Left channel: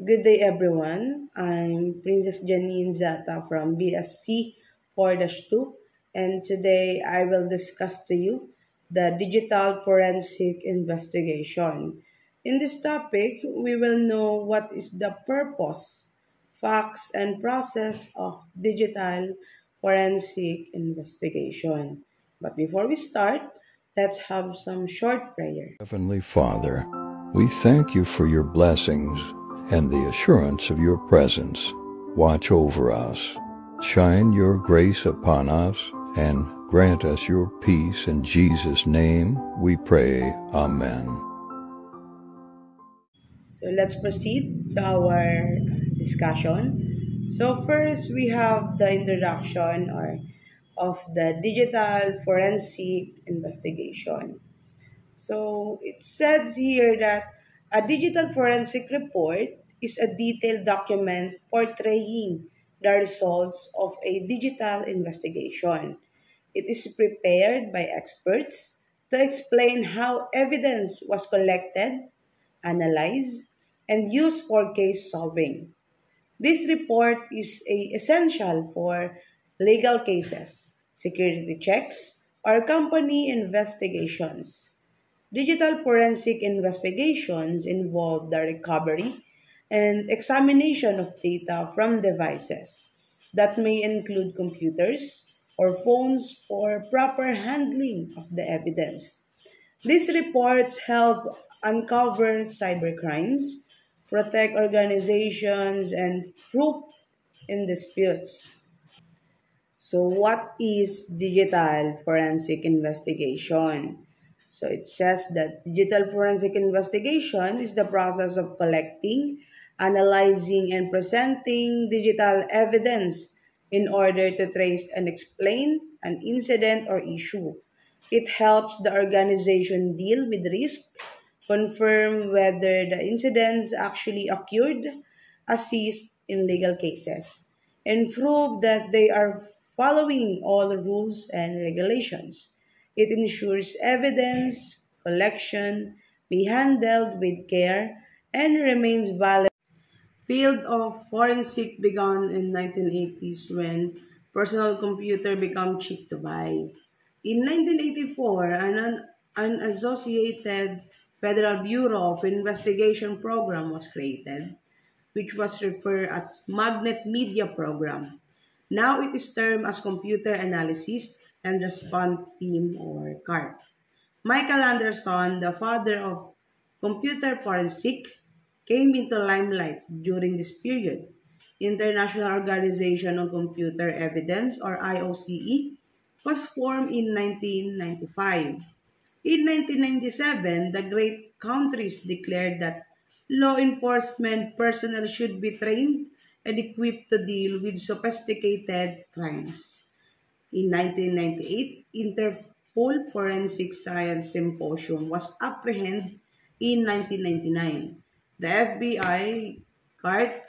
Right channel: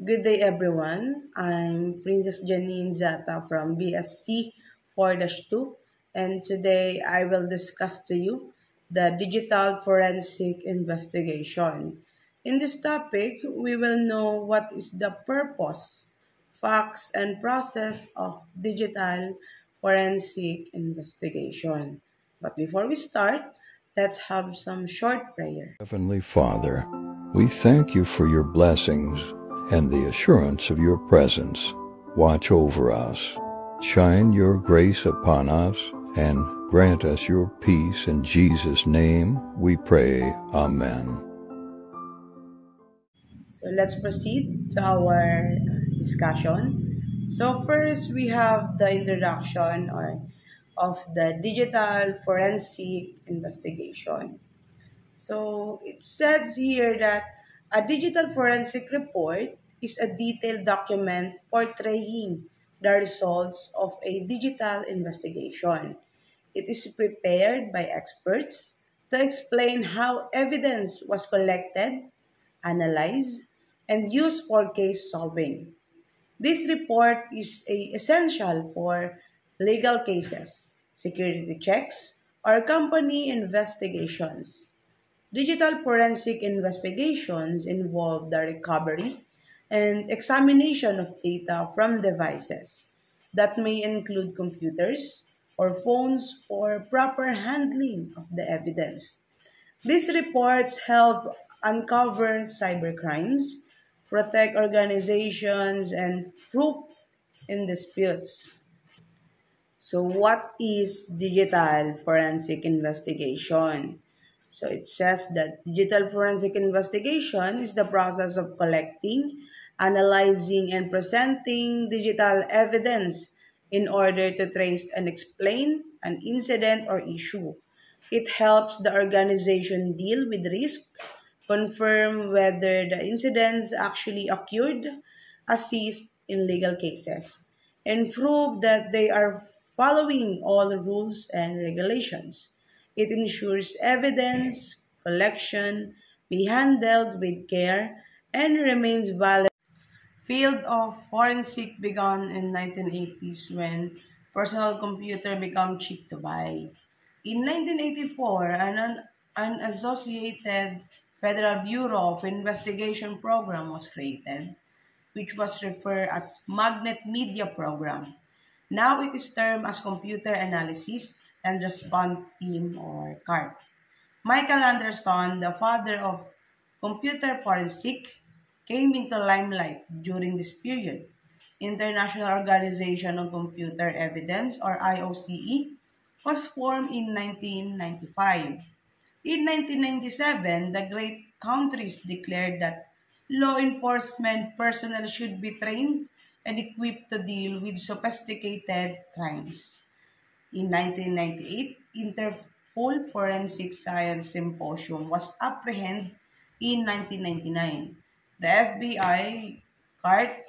Good day, everyone. I'm Princess Janine Zata from BSc 4-2, and today I will discuss to you the digital forensic investigation. In this topic, we will know what is the purpose, facts, and process of digital forensic investigation. But before we start, let's have some short prayer. Heavenly Father, we thank you for your blessings and the assurance of your presence. Watch over us, shine your grace upon us, and grant us your peace. In Jesus' name we pray. Amen. So let's proceed to our discussion. So first we have the introduction or of the digital forensic investigation. So it says here that a digital forensic report is a detailed document portraying the results of a digital investigation. It is prepared by experts to explain how evidence was collected, analyzed, and used for case solving. This report is essential for legal cases, security checks, or company investigations. Digital forensic investigations involve the recovery and examination of data from devices that may include computers or phones for proper handling of the evidence. These reports help uncover cybercrimes, protect organizations, and prove in disputes. So, what is digital forensic investigation? So, it says that digital forensic investigation is the process of collecting, analyzing, and presenting digital evidence in order to trace and explain an incident or issue. It helps the organization deal with risk, confirm whether the incidents actually occurred, assist in legal cases, and prove that they are following all the rules and regulations. It ensures evidence collection be handled with care and remains valid. Field of forensic began in 1980s when personal computer became cheap to buy. In 1984, an associated Federal Bureau of Investigation program was created, which was referred as Magnet Media Program. Now it is termed as Computer Analysis and Response Team or CART. Michael Anderson, the father of computer forensic, came into limelight during this period. International Organization on Computer Evidence or IOCE was formed in 1995. In 1997, the great countries declared that law enforcement personnel should be trained and equipped to deal with sophisticated crimes. In 1998, Interpol Forensic Science Symposium was apprehended in 1999. The FBI CART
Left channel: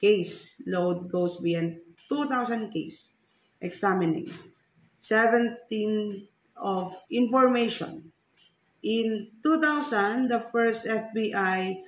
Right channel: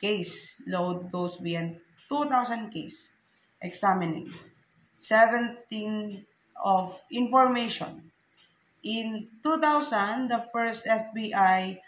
case load goes beyond 2,000 case, examining 17 of information. In 2000, the first FBI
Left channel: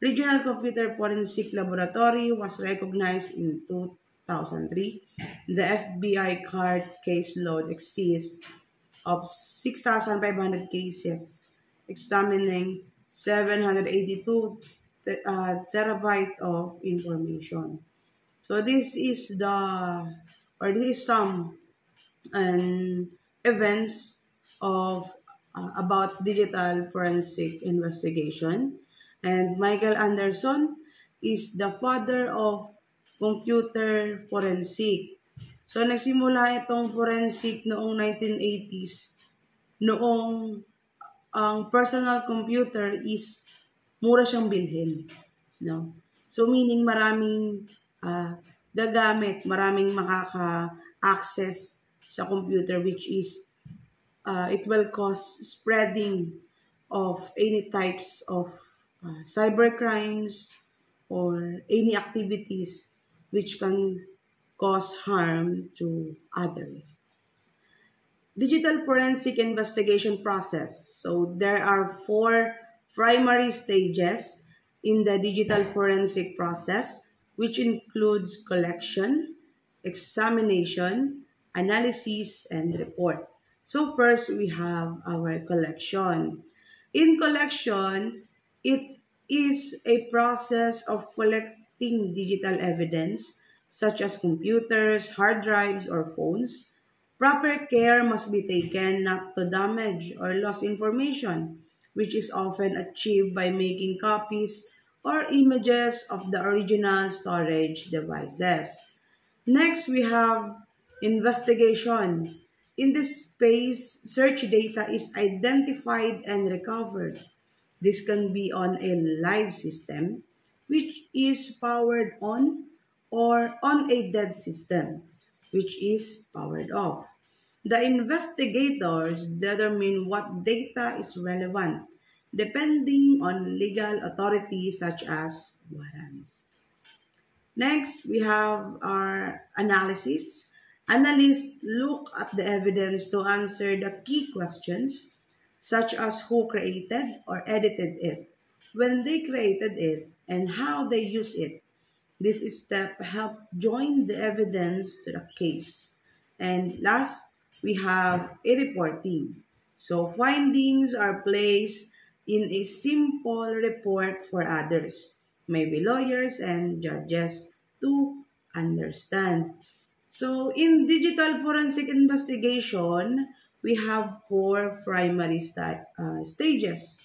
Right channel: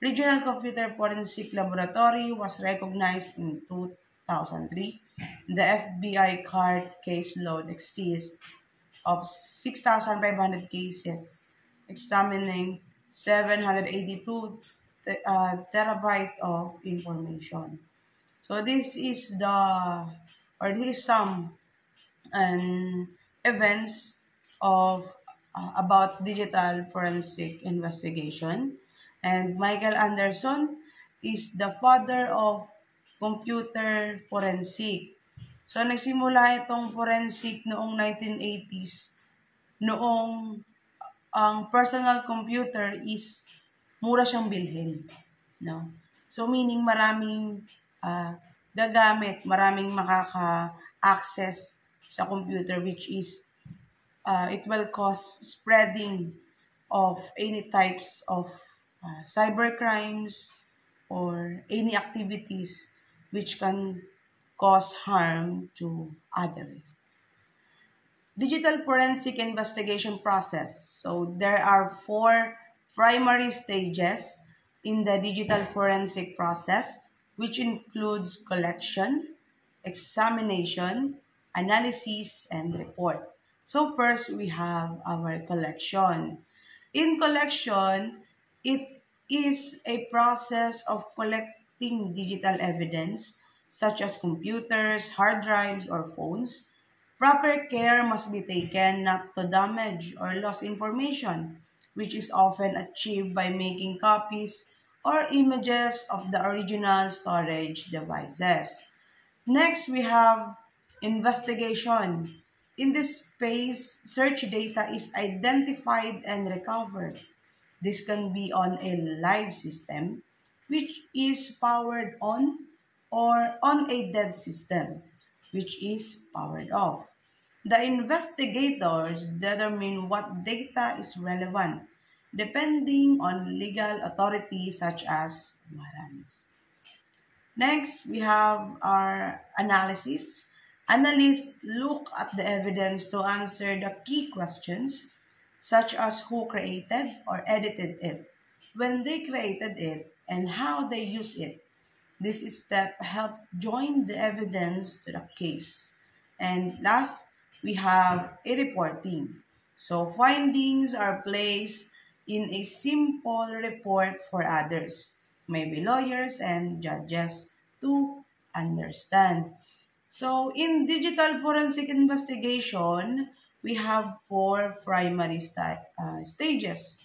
Regional Computer Forensic Laboratory was recognized in 2003. The FBI card caseload exists of 6,500 cases, examining 782 terabyte of information. So this is some events of about digital forensic investigation. And Michael Anderson is the father of computer forensic. So nagsimula itong forensic noong 1980s, noong ang personal computer is mura siyang bilhin, no? So meaning maraming gagamit, maraming makaka-access sa computer, which is it will cause spreading of any types of cyber crimes or any activities which can cause harm to others. Digital forensic investigation process. So there are four primary stages. in the digital forensic process, which includes collection, examination, analysis, and report. So first, we have our collection. In collection, it is a process of collecting digital evidence such as computers, hard drives, or phones. Proper care must be taken not to damage or lose information, which is often achieved by making copies or images of the original storage devices. Next, we have investigation. In this phase, search data is identified and recovered. This can be on a live system, which is powered on, or on a dead system, which is powered off. The investigators determine what data is relevant, depending on legal authority such as warrants. Next, we have our analysis. Analysts look at the evidence to answer the key questions, such as who created or edited it, when they created it, and how they use it. This step helps join the evidence to the case. And last, we have a reporting. So findings are placed in a simple report for others, maybe lawyers and judges, to understand. So in digital forensic investigation, we have four primary stages.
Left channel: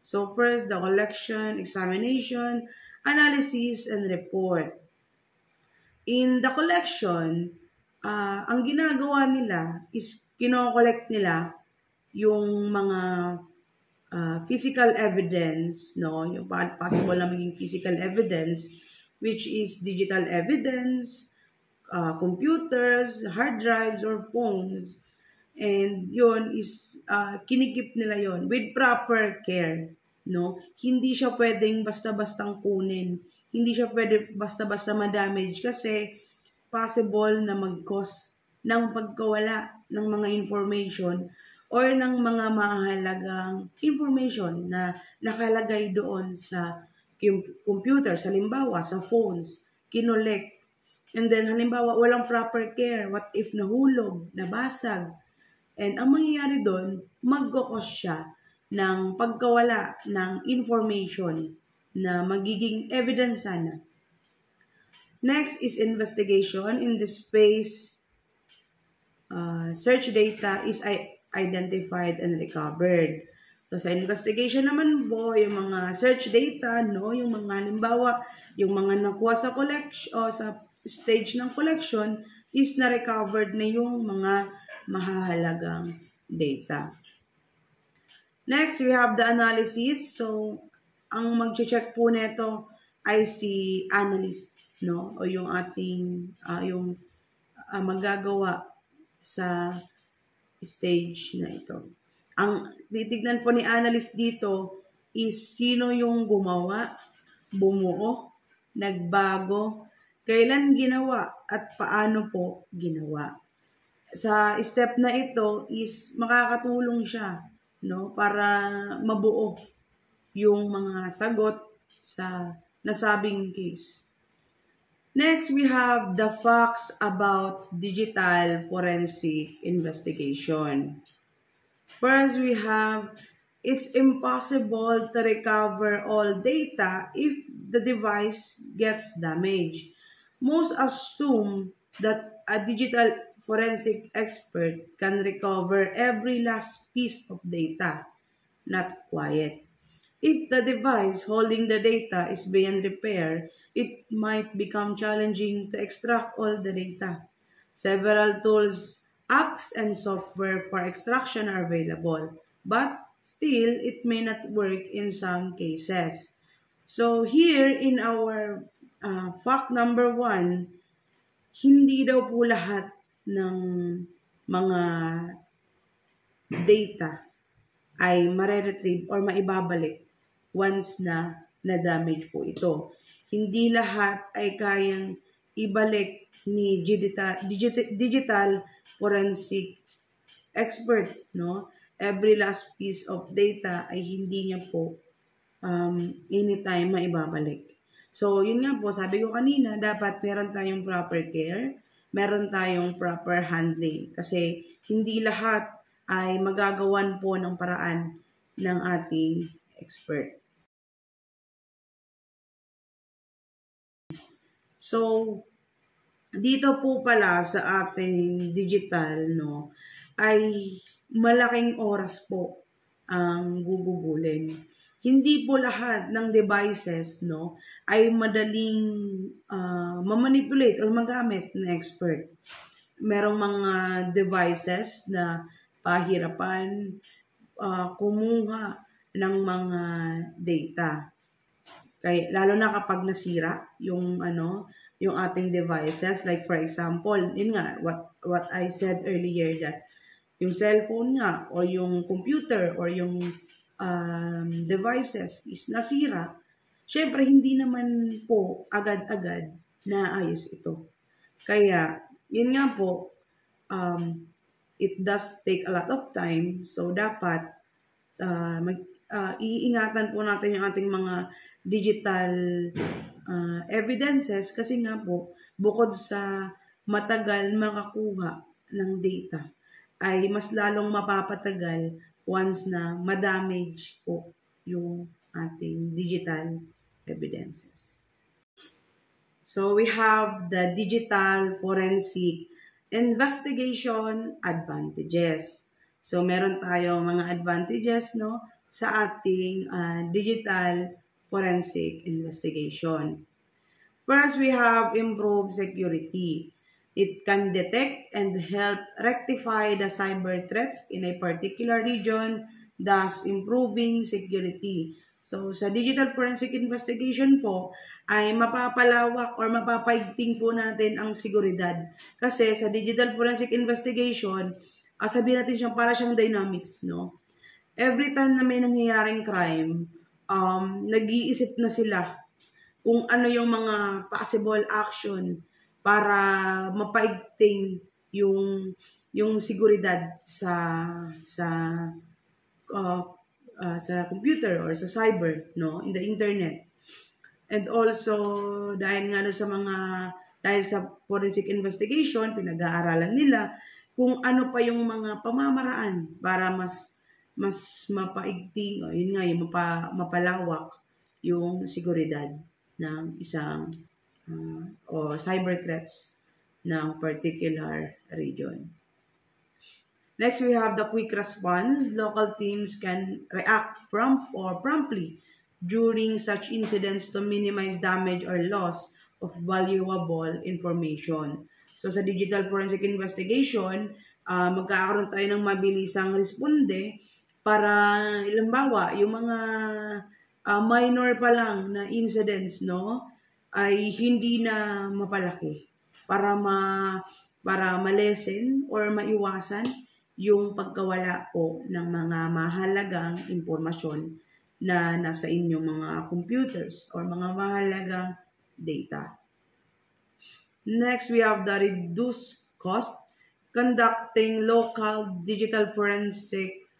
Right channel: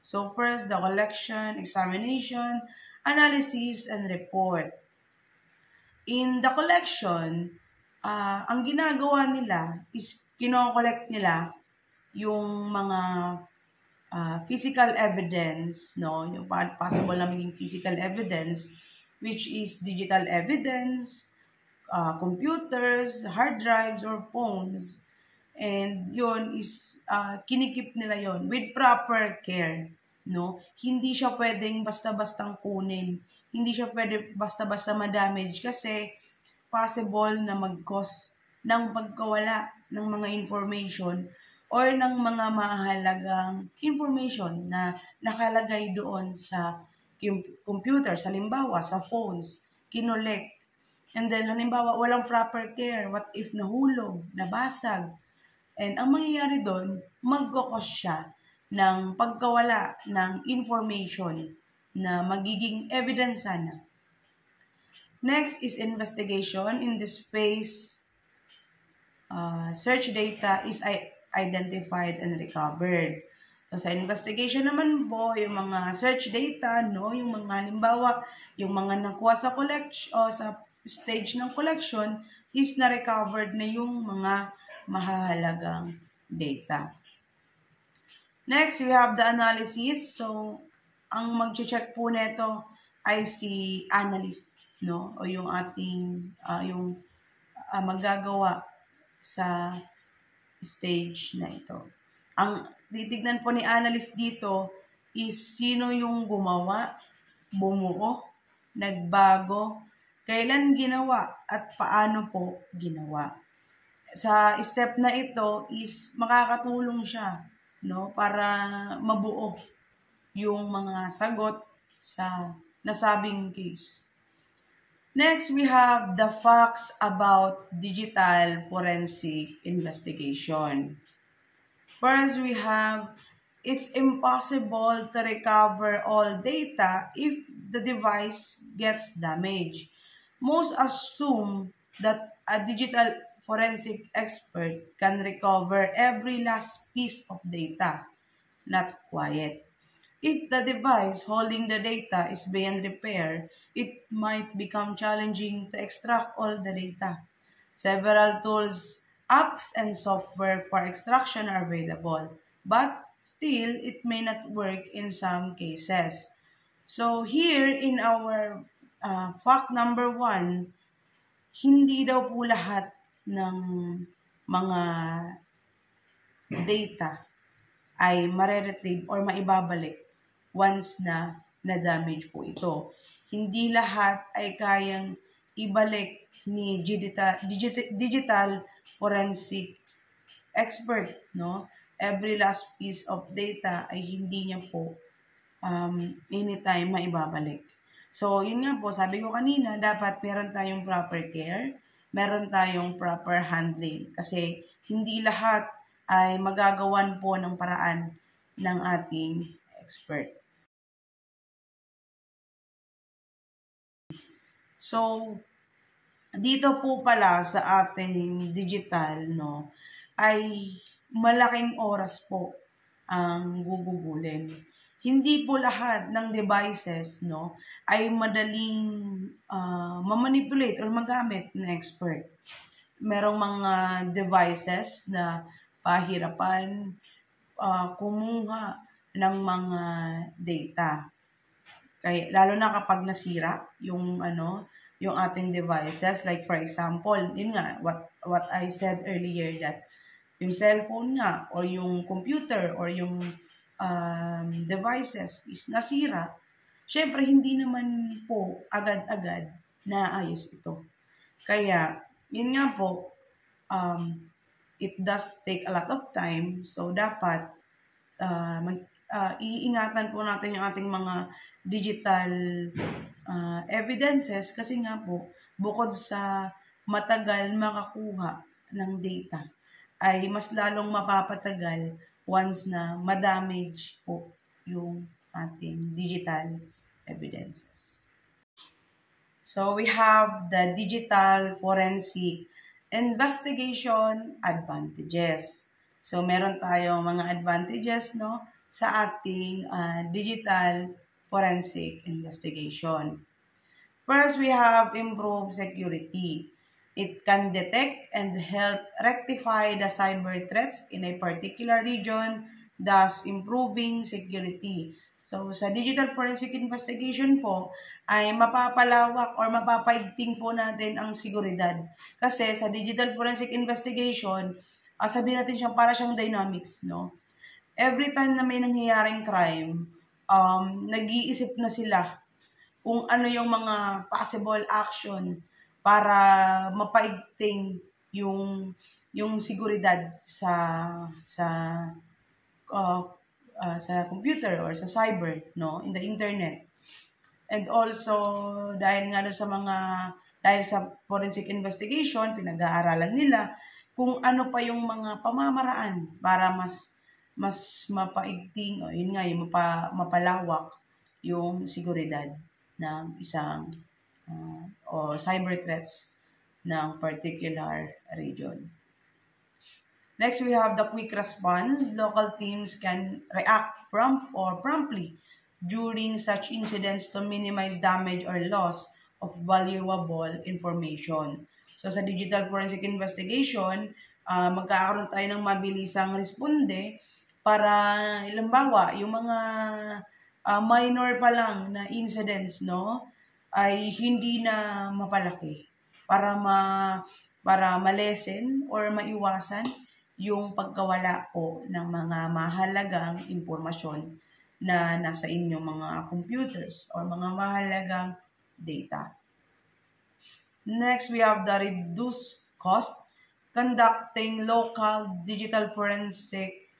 So first, the collection, examination, analysis, and report. In the collection, ang ginagawa nila is kino-collect nila yung mga physical evidence, no? Yung possible na maging physical evidence, which is digital evidence, computers, hard drives, or phones. And yun is, kinikip nila yon with proper care, no? Hindi siya pwedeng basta-bastang kunin. Hindi siya pwede basta-basta ma-damage kasi possible na mag-cause ng pagkawala ng mga information or ng mga mahalagang information na nakalagay doon sa computer, halimbawa sa phones, kinolek. And then halimbawa walang proper care, what if nahulog, nabasag. And ang mangyayari doon, mag-cause siya ng pagkawala ng information na magiging evidence sana. Next is investigation. In this phase, search data is identified and recovered. So sa investigation naman po, yung mga search data, no, yung mga halimbawa, yung mga nakuha sa collection o sa stage ng collection is na-recovered na yung mga mahahalagang data. Next, we have the analysis. So, ang mag-check po nito ay si analyst, no? O yung ating, magagawa sa stage na ito. Ang titignan po ni analyst dito is sino yung gumawa, bumuo, nagbago, kailan ginawa, at paano po ginawa. Sa step na ito is makakatulong siya, no, para mabuo yung mga sagot sa nasabing case. Next, we have the facts about digital forensic investigation. First, we have it's impossible to recover all data if the device gets damaged. Most assume that a digital forensic expert can recover every last piece of data. Not quite. If the device holding the data is beyond repair, it might become challenging to extract all the data. Several tools, apps, and software for extraction are available, but still, it may not work in some cases. So here in our fact number 1, hindi daw po lahat ng mga data ay mare-retrieve or maibabalik once na na-damage po ito. Hindi lahat ay kayang ibalik ni digital forensic expert, no? Every last piece of data ay hindi niya po anytime maibabalik. So, yun nga po, sabi ko kanina, dapat meron tayong proper care, meron tayong proper handling. Kasi hindi lahat ay magagawan po ng paraan ng ating expert. So, dito po pala sa ating digital, no, ay malaking oras po ang gugugulin. Hindi po lahat ng devices, no, ay madaling mamanipulate or magamit ng expert. Merong mga devices na pahirapan kumuha ng mga data. Kaya, lalo na kapag nasira yung yung ating devices, like for example, yun nga what I said earlier, that yung cellphone nga or yung computer or yung devices is nasira, syempre hindi naman po agad-agad naayos ito. Kaya yun nga po, it does take a lot of time, so dapat iingatan po natin yung ating mga digital evidences, kasi nga po, bukod sa matagal makakuha ng data, ay mas lalong mapapatagal once na madamage po yung ating digital evidences. So we have the digital forensic investigation advantages. So meron tayong mga advantages, no, sa ating digital forensic investigation. First, we have improved security. It can detect and help rectify the cyber threats in a particular region, thus improving security. So, sa digital forensic investigation po, ay mapapalawak or mapapaigting po natin ang seguridad. Kasi sa digital forensic investigation, sabihin natin siyang para siyang dynamics, no? Every time na may nangyayaring crime, nag-iisip na sila kung ano yung mga possible action para mapaigting yung seguridad sa computer or sa cyber, no, in the internet. And also dahil sa forensic investigation, pinag-aaralan nila kung ano pa yung mga pamamaraan para mas mapaigting, o yun nga, yung mapalawak yung seguridad ng isang o cyber threats ng particular region. Next, we have the quick response. Local teams can react promptly during such incidents to minimize damage or loss of valuable information. So sa digital forensic investigation, magkakaroon tayo ng mabilisang responde para halimbawa yung mga minor pa lang na incidents, no, ay hindi na mapalaki para malesen or maiwasan yung pagkawala po ng mga mahalagang impormasyon na nasa inyong mga computers or mga mahalagang data. Next, we have the reduced cost. Conducting local digital forensic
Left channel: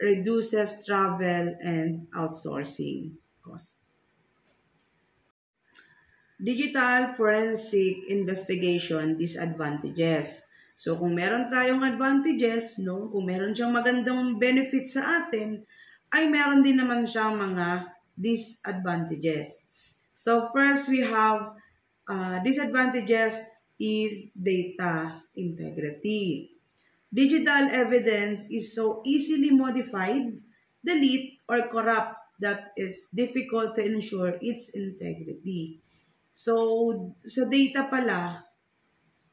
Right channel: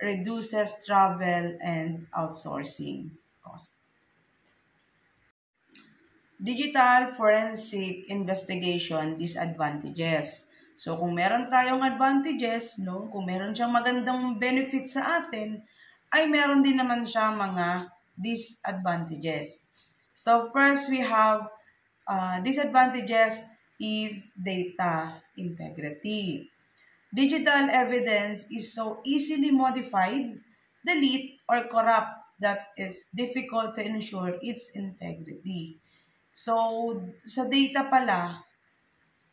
reduces travel and outsourcing cost. Digital forensic investigation disadvantages. So kung meron tayong advantages, no, kung meron siyang magandang benefit sa atin, ay meron din naman siyang mga disadvantages. So first, we have disadvantages is data integrity. Digital evidence is so easily modified, delete, or corrupt that it's difficult to ensure its integrity. So, sa data pala,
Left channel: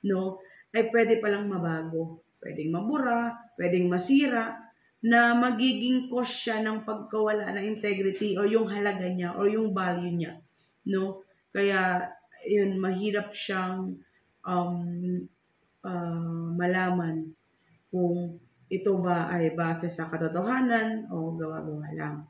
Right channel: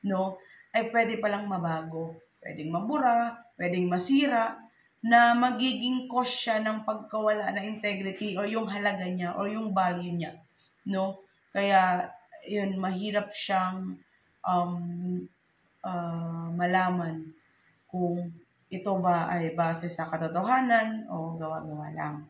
no, ay pwede palang mabago. Pwedeng mabura, pwedeng masira, na magiging cause siya ng pagkawala ng integrity or yung halaga niya or yung value niya, no? Kaya, yun, mahirap siyang malaman kung ito ba ay base sa katotohanan o gawa-gawa lang.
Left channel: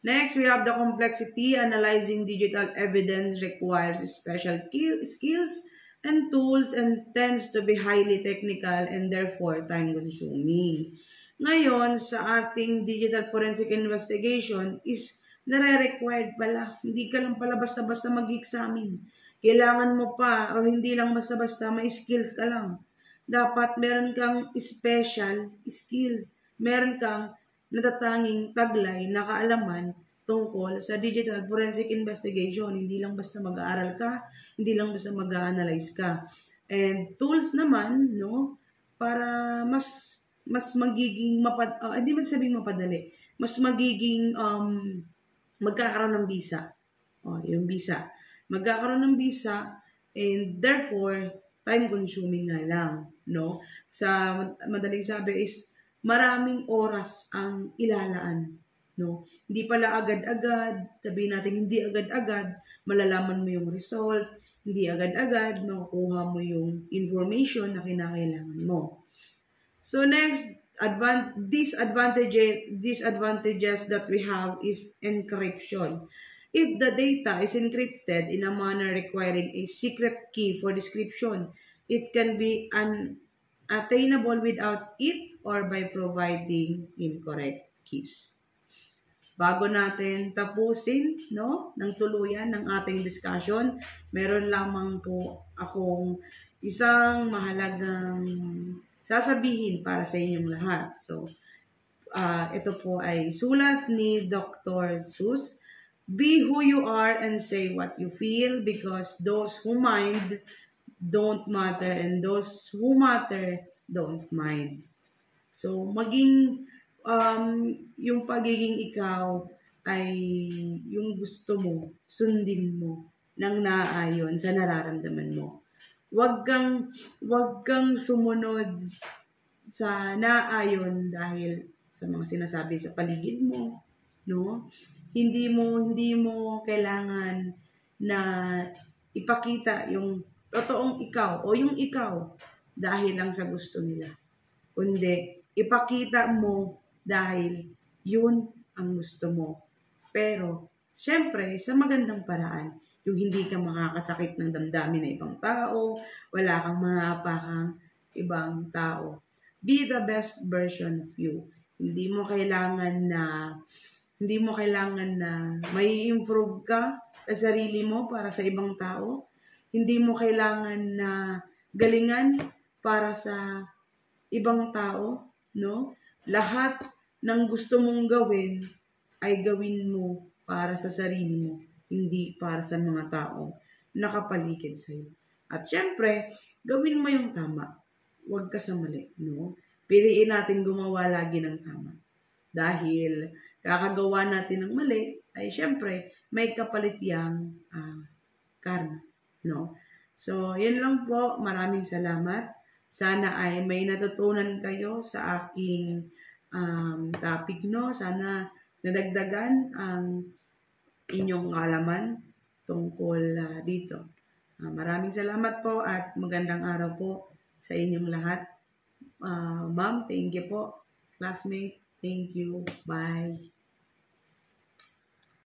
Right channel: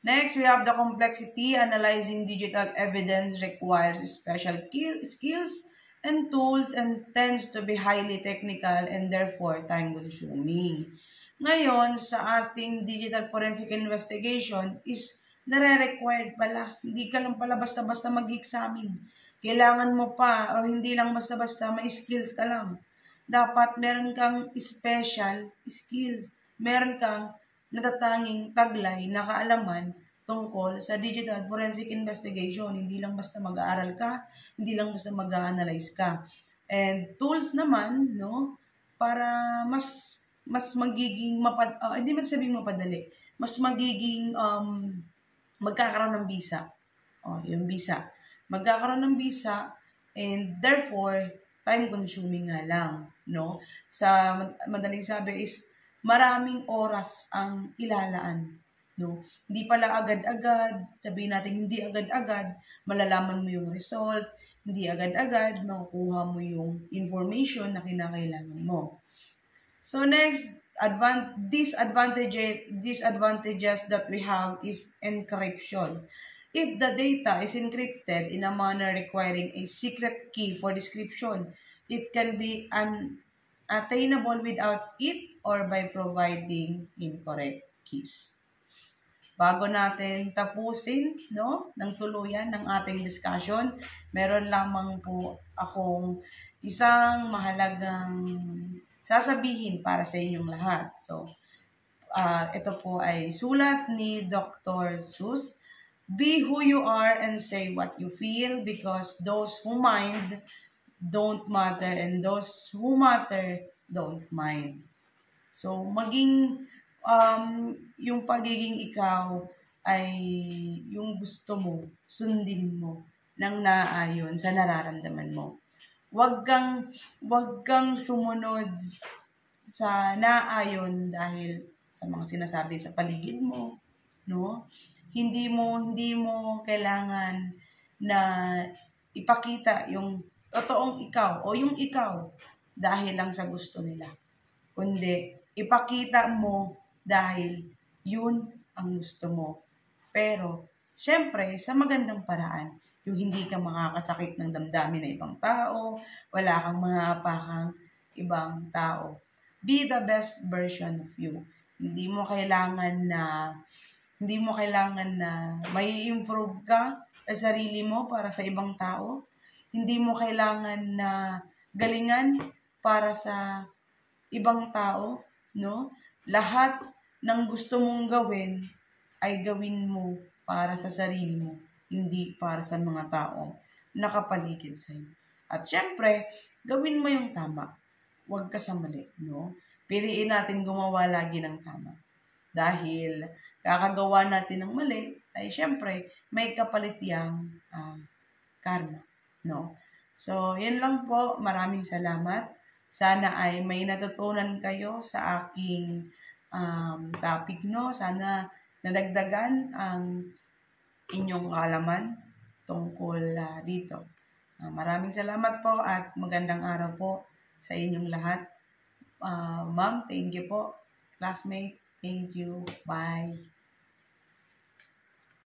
Next, we have the complexity. Analyzing digital evidence requires special skills and tools and tends to be highly technical and therefore time-consuming. Ngayon, sa ating digital forensic investigation is nare-required pala. Hindi ka lang pala basta-basta mag-examine. Kailangan mo pa, or hindi lang basta-basta, may skills ka lang. Dapat meron kang special skills. Meron kang natatanging taglay na kaalaman tungkol sa digital forensic investigation. Hindi lang basta mag-aaral ka, hindi lang basta mag-analyze ka. And tools naman, no, para mas magiging hindi man sabing mapadali, mas magiging magkakaroon ng visa. Yung visa. Magkakaroon ng visa and therefore time consuming nga lang, no? Sa madaling sabi is maraming oras ang ilalaan, no? Hindi pala agad-agad, sabihin natin hindi agad-agad malalaman mo yung result, hindi agad-agad makukuha mo yung information na kinakailangan mo. So next, disadvantages that we have is encryption. If the data is encrypted in a manner requiring a secret key for description, it can be unattainable without it or by providing incorrect keys. Bago natin tapusin, no, ng tuluyan ng ating discussion, meron lamang po akong isang mahalagang sasabihin para sa inyong lahat. So, ito po ay sulat ni Dr. Seuss. Be who you are and say what you feel, because those who mind don't matter and those who matter don't mind. So, maging yung pagiging ikaw ay yung gusto mo, sundin mo nang naayon sa nararamdaman mo. Huwag kang sumunod sa naayon dahil sa mga sinasabi sa paligid mo, no? Hindi mo kailangan na ipakita yung totoong ikaw o yung ikaw dahil lang sa gusto nila. Kundi ipakita mo dahil yun ang gusto mo. Pero syempre sa magandang paraan, yung hindi ka makakasakit ng damdamin ng ibang tao, wala kang maapakang ibang tao. Be the best version of you. Hindi mo kailangan na may improve ka sa sarili mo para sa ibang tao. Hindi mo kailangan na galingan para sa ibang tao, no? Lahat ng gusto mong gawin ay gawin mo para sa sarili mo, hindi para sa mga tao nakapaligid sa iyo. At syempre, gawin mo yung tama. Huwag ka sa mali, no? Piliin natin gumawa lagi ng tama. Dahil kakagawa natin ng mali, ay syempre, may kapalit yang karma, no? So, yun lang po. Maraming salamat. Sana ay may natutunan kayo sa aking topic, no? Sana nadagdagan ang inyong kaalaman tungkol dito. Maraming salamat po at magandang araw po sa inyong lahat. Ma'am, thank you po. Classmate, thank you. Bye.